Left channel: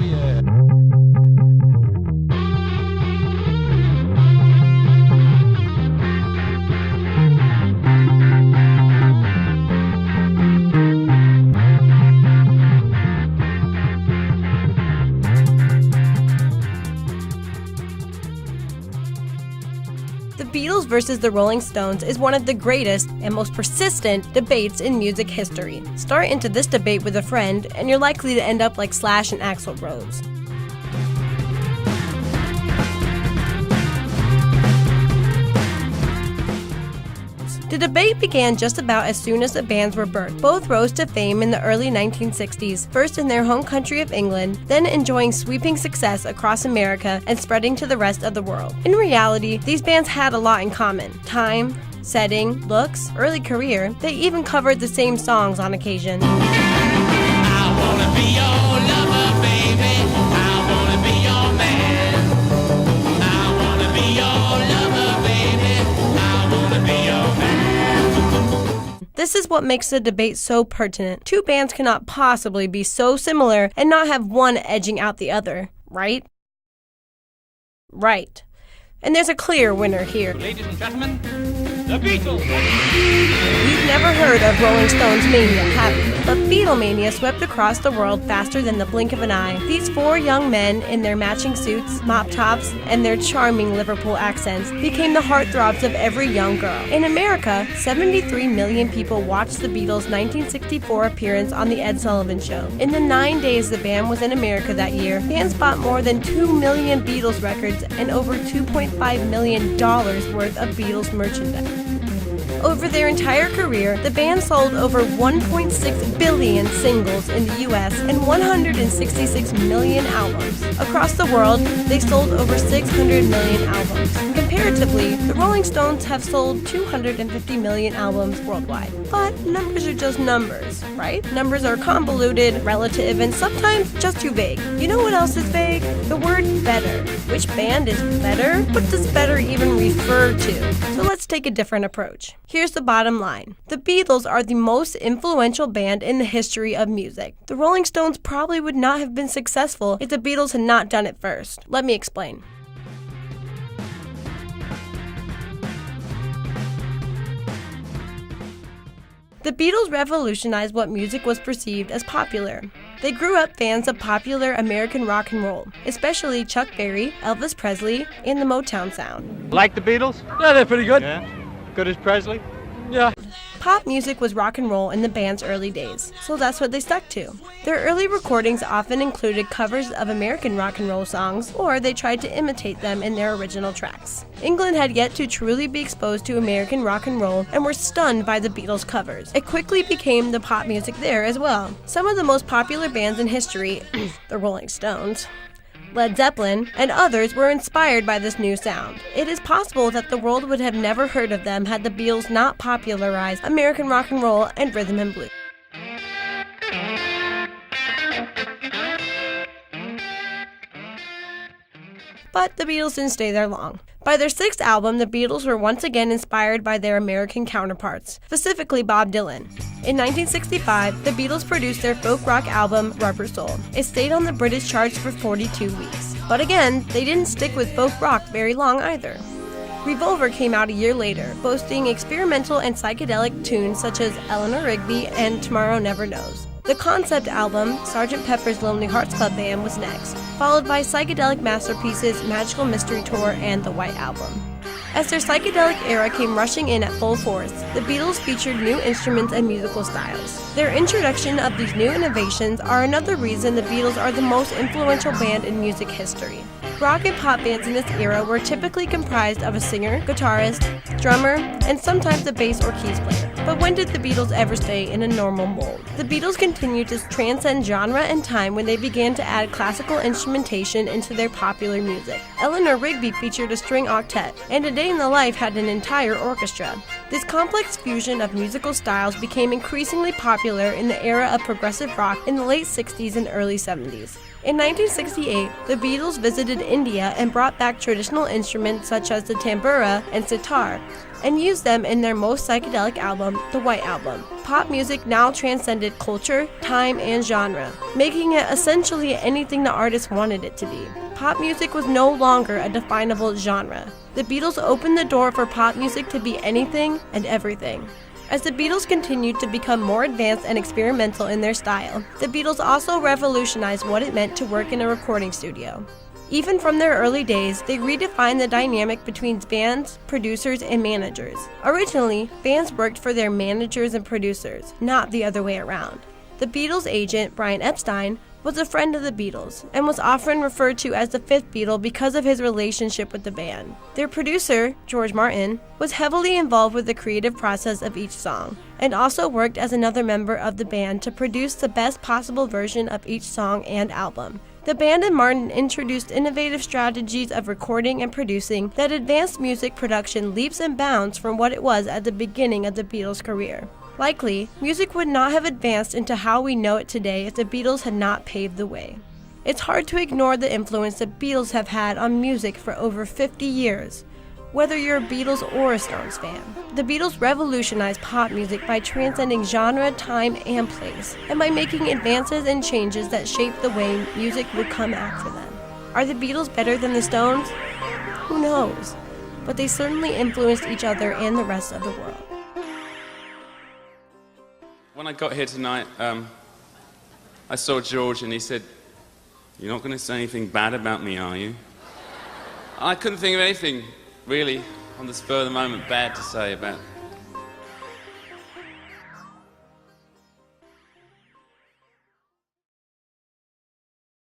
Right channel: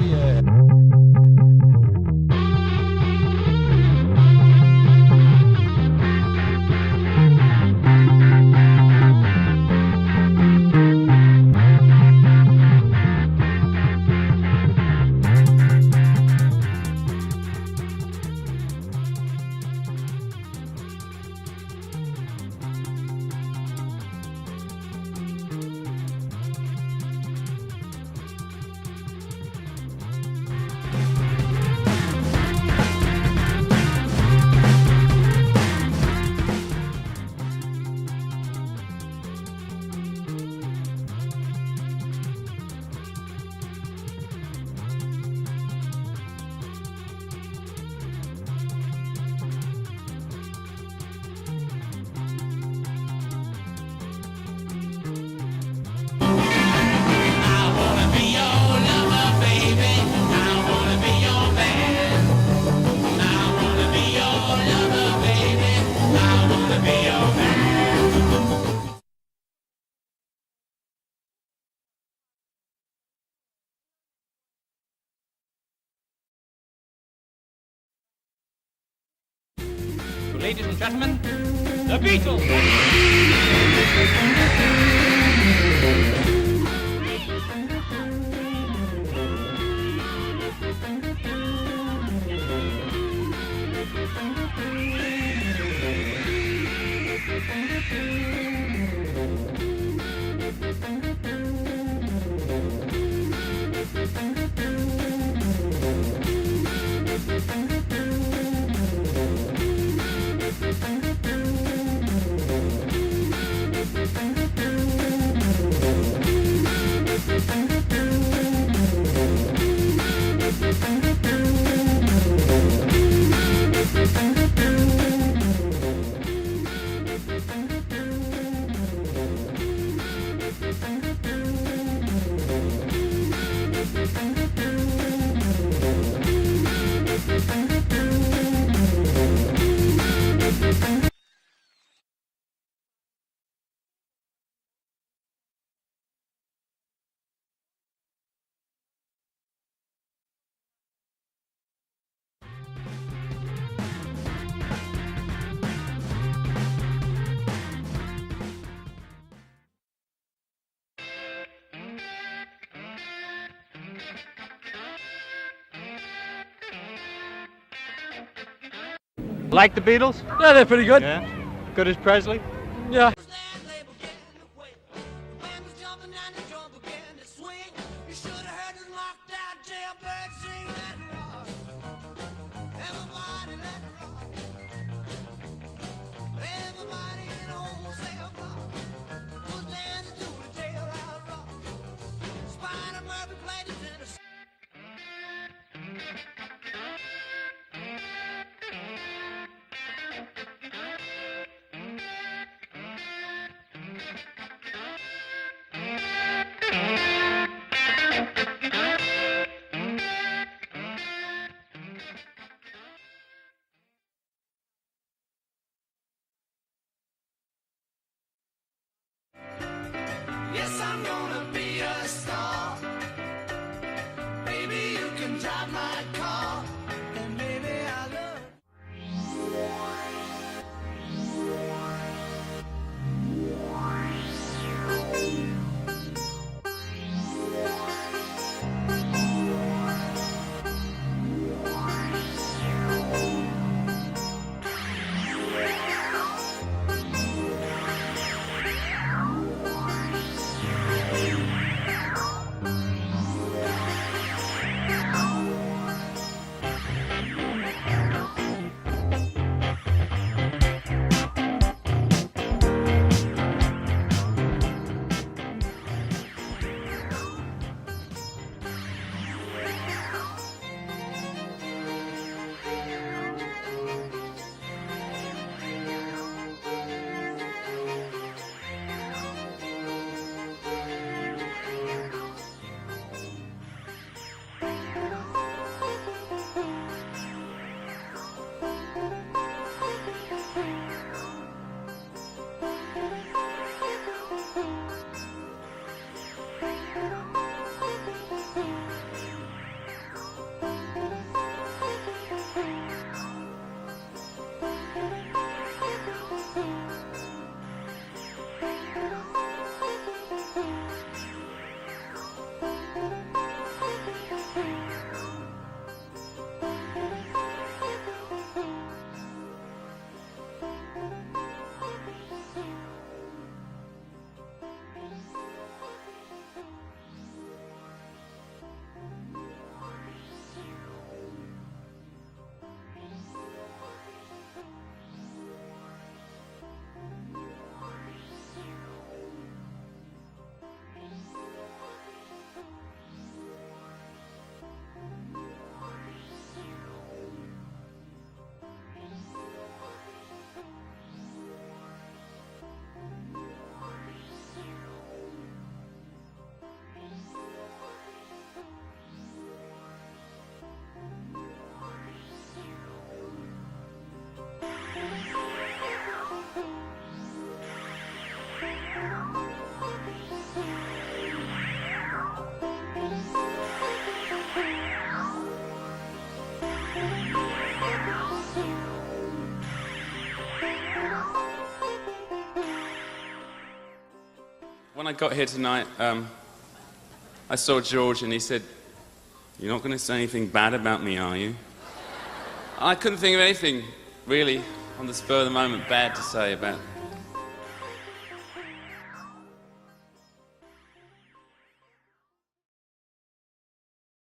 Oh yeah. The Beatles versus the Rolling Stones is one of the greatest and most persistent debates in music history. Start into this debate with a friend, and you're likely to end up like Slash and Axl Rose. The debate began just about as soon as the bands were birthed. Both rose to fame in the early 1960s, first in their home country of England, then enjoying sweeping success across America and spreading to the rest of the world. In reality, these bands had a lot in common: time, setting, looks, early career. They even covered the same songs on occasion. I wanna be your lover, baby. I wanna be your man. I wanna be your lover, baby. I wanna be your man. This is what makes the debate so pertinent. Two bands cannot possibly be so similar and not have one edging out the other, right? Right. And there's a clear winner here. Ladies and gentlemen, the Beatles! You've never heard of Rolling Stones mania, have you? But Beatlemania swept across the world faster than the blink of an eye. These four young men in their matching suits, mop tops, and their charming Liverpool accents became the heartthrobs of every young girl. In America, 73 million people watched the Beatles' 1964 appearance on The Ed Sullivan Show. In the 9 days the band was in America that year, fans bought more than 2 million Beatles records and over $2.5 million worth of Beatles merchandise. Over their entire career, the band sold over 1.6 billion singles in the US and 166 million albums. Across the world, they sold over 600 million albums. Comparatively, the Rolling Stones have sold 250 million albums worldwide. But numbers are just numbers, right? Numbers are convoluted, relative, and sometimes just too vague. You know what else is vague? The word better. Which band is better? What does better even refer to? So let's take a different approach. Here's the bottom line. The Beatles are the most influential band in the history of music. The Rolling Stones probably would not have been successful if the Beatles had not done it first. Let me explain. The Beatles revolutionized what music was perceived as popular. They grew up fans of popular American rock and roll, especially Chuck Berry, Elvis Presley, and the Motown sound. Like the Beatles? Yeah, they're pretty good. Yeah. Good as Presley? Yeah. Pop music was rock and roll in the band's early days, so that's what they stuck to. Their early recordings often included covers of American rock and roll songs, or they tried to imitate them in their original tracks. England had yet to truly be exposed to American rock and roll and were stunned by the Beatles' covers. It quickly became the pop music there as well. Some of the most popular bands in history, the Rolling Stones, Led Zeppelin, and others were inspired by this new sound. It is possible that the world would have never heard of them had the Beatles not popularized American rock and roll and rhythm and blues. But the Beatles didn't stay there long. By their sixth album, the Beatles were once again inspired by their American counterparts, specifically Bob Dylan. In 1965, the Beatles produced their folk rock album, Rubber Soul. It stayed on the British charts for 42 weeks. But again, they didn't stick with folk rock very long either. Revolver came out a year later, boasting experimental and psychedelic tunes such as Eleanor Rigby and Tomorrow Never Knows. The concept album, Sgt. Pepper's Lonely Hearts Club Band, was next, followed by psychedelic masterpieces Magical Mystery Tour and The White Album. As their psychedelic era came rushing in at full force, the Beatles featured new instruments and musical styles. Their introduction of these new innovations are another reason the Beatles are the most influential band in music history. Rock and pop bands in this era were typically comprised of a singer, guitarist, drummer, and sometimes a bass or keys player. But when did the Beatles ever stay in a normal mold? The Beatles continued to transcend genre and time when they began to add classical instrumentation into their popular music. Eleanor Rigby featured a string octet, and A Day in the Life had an entire orchestra. This complex fusion of musical styles became increasingly popular in the era of progressive rock in the late 60s and early 70s. In 1968, the Beatles visited India and brought back traditional instruments such as the tambura and sitar, and used them in their most psychedelic album, The White Album. pop music now transcended culture, time, and genre, making it essentially anything the artist wanted it to be. Pop music was no longer a definable genre. The Beatles opened the door for pop music to be anything and everything. As the Beatles continued to become more advanced and experimental in their style, the Beatles also revolutionized what it meant to work in a recording studio. Even from their early days, they redefined the dynamic between bands, producers, and managers. Originally, bands worked for their managers and producers, not the other way around. The Beatles' agent, Brian Epstein, was a friend of the Beatles, and was often referred to as the fifth Beatle because of his relationship with the band. Their producer, George Martin, was heavily involved with the creative process of each song, and also worked as another member of the band to produce the best possible version of each song and album. The band and Martin introduced innovative strategies of recording and producing that advanced music production leaps and bounds from what it was at the beginning of the Beatles' career. Likely, music would not have advanced into how we know it today if the Beatles had not paved the way. It's hard to ignore the influence the Beatles have had on music for over 50 years. Whether you're a Beatles or a Stones fan, the Beatles revolutionized pop music by transcending genre, time, and place, and by making advances and changes that shaped the way music would come after them. Are the Beatles better than the Stones? Who knows? But they certainly influenced each other and the rest of the world. When I got here tonight, I saw George and he said, "You're not going to say anything bad about me, are you?" I couldn't think of anything really on the spur of the moment bad to say about